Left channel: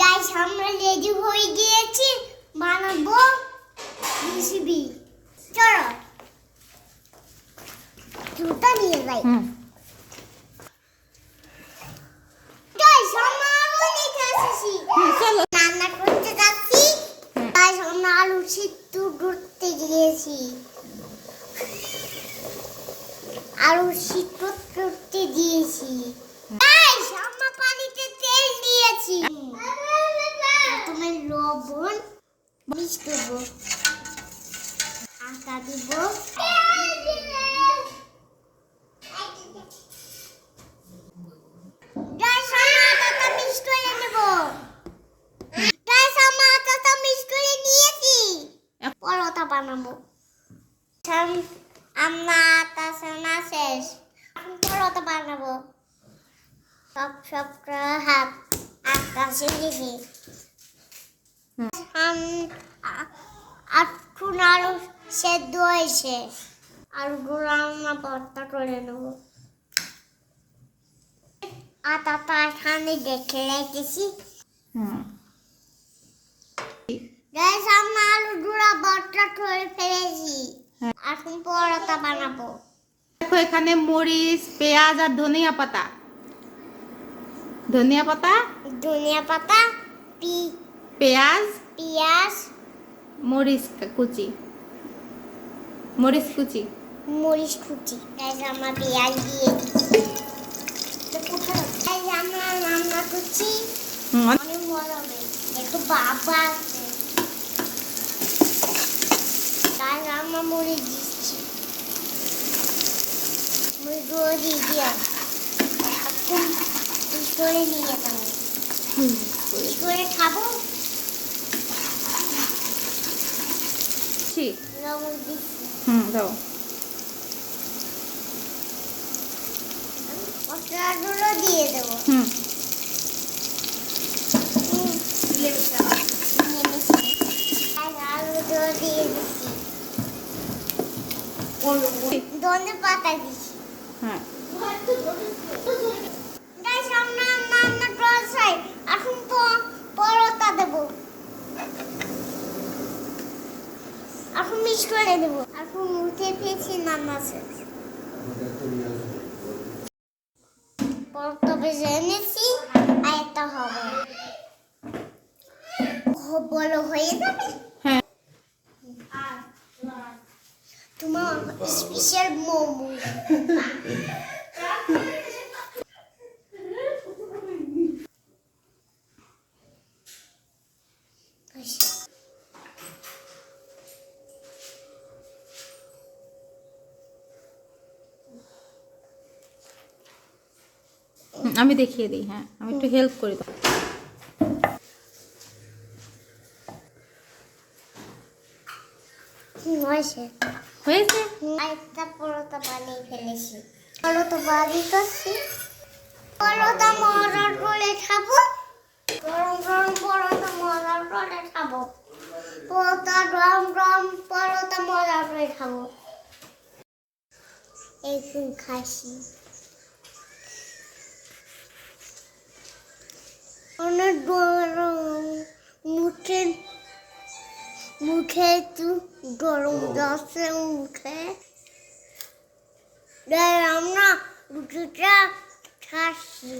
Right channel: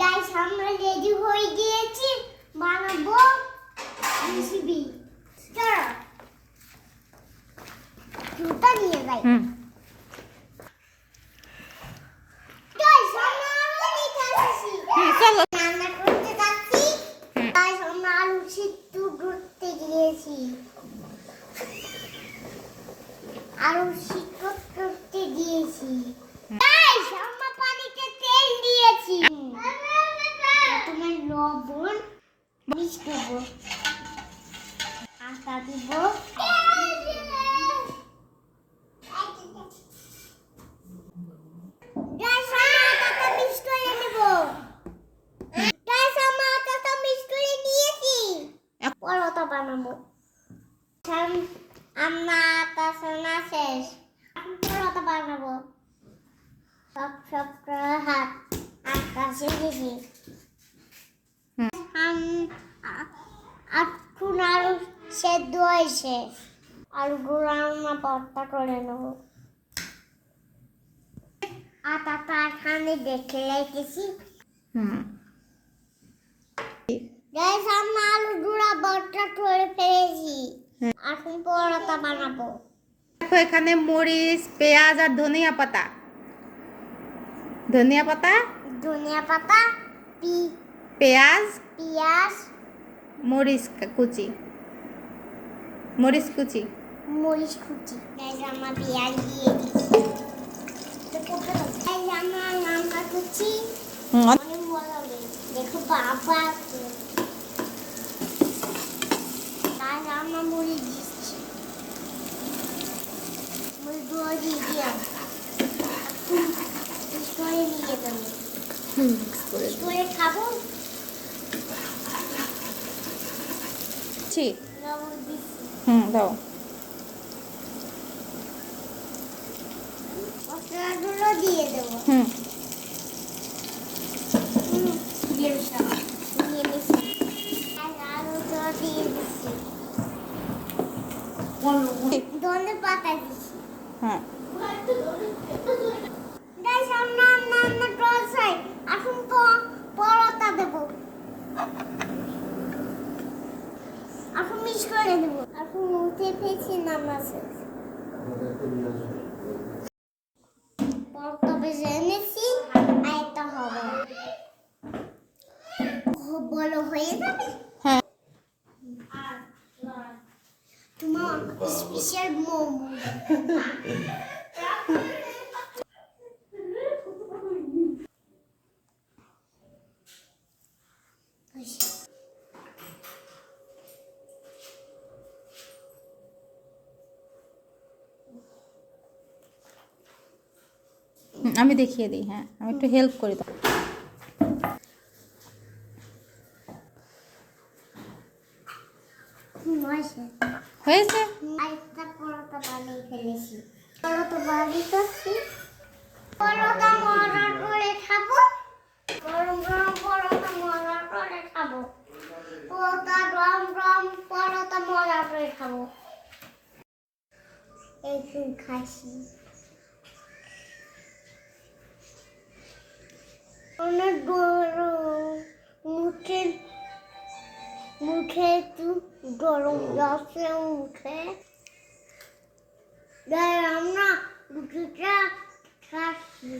Guys আমরা ready হয়ে গিয়েছি বানাবো রেসিপি। চলো জুতা নিয়ে যাই। গাইস আমরা আলু নিতে আসছি। চলো রান্না করতে যাচ্ছি। গাইস আমরা আলু সিদ্ধ করতে গিয়েছি। আলু সিদ্ধ করতে দিয়েছি। গাইস আমরা পানিতে তেল দিয়েছি। প্রথমে লবণ মিক্স করব, আটা দিব, গাইস আমরা আটাটা মিক্স করে নেব। গাইস আমরা আটাটা মিক্স করে নিয়েছি, পরোটা বানাবো। আমরা আটা সানা শেষ, এখন পরোটা বানাবো। সব হাত আকাশে দিবি। এখন আলু সেদ্ধ হয়েছে, আলুগুলো আমরা ভর্তা করে নেব। আটাটা এখানে দেখে রেখেছি। গাইস আমরা আলুগুলো ভর্তা করে ফেলেছি, এখন পরোটা বানাবো। দেখো এখানে মরিচ, পেঁয়াজ আর ধনিয়া পাতা, ধনিয়া পাতা, পেঁয়াজ, মরিচ কুচি, মরিচ কুচি। গাইস আমরা পেঁয়াজ দিয়ে দিচ্ছি। গাইস আমরা রান্না করছি, অনেক মজা হবে। দেখো বাবা আছে। গাইস আমরা মরিচ দিচ্ছি, মরিচগুলো দিয়ে দিলাম। করে নিয়ে যাবো, করে খাবো। লবণ দিচ্ছি, দাও। মশলাগুলো দিয়ে দেবো। আলুগুলো দিয়ে দিচ্ছি, ধনে পাতা দিচ্ছি। গাইস আমরা রান্না করছি, এখন পরোটা দেবো, এখন মিক্স করে দেবো। এখন উঠে পেয়েছি রান্না শেষ, পরোটা ভেজে এনেছি। আর একটা হবে, বলো হয়ে যাবে। তোমার স্পেশাল মোমো। আমি দেখিয়ে দিই। হ্যাঁ, আমি একটু হেল্প করি। হয়েছে। একটা পরোটা বানিয়ে ফেলেছি, পরোটা বানিয়েছি। পরোটা মজার করে খাবো, গরম গরম পরোটা মজার করে খাবো। পরোটা গরম গরম পরোটা মজার করে খাবো। একটু খাসি, অনেক গরম। মুখে একটু গরম যাচ্ছে মুখে। আমরা রুটিটা খাচ্ছি।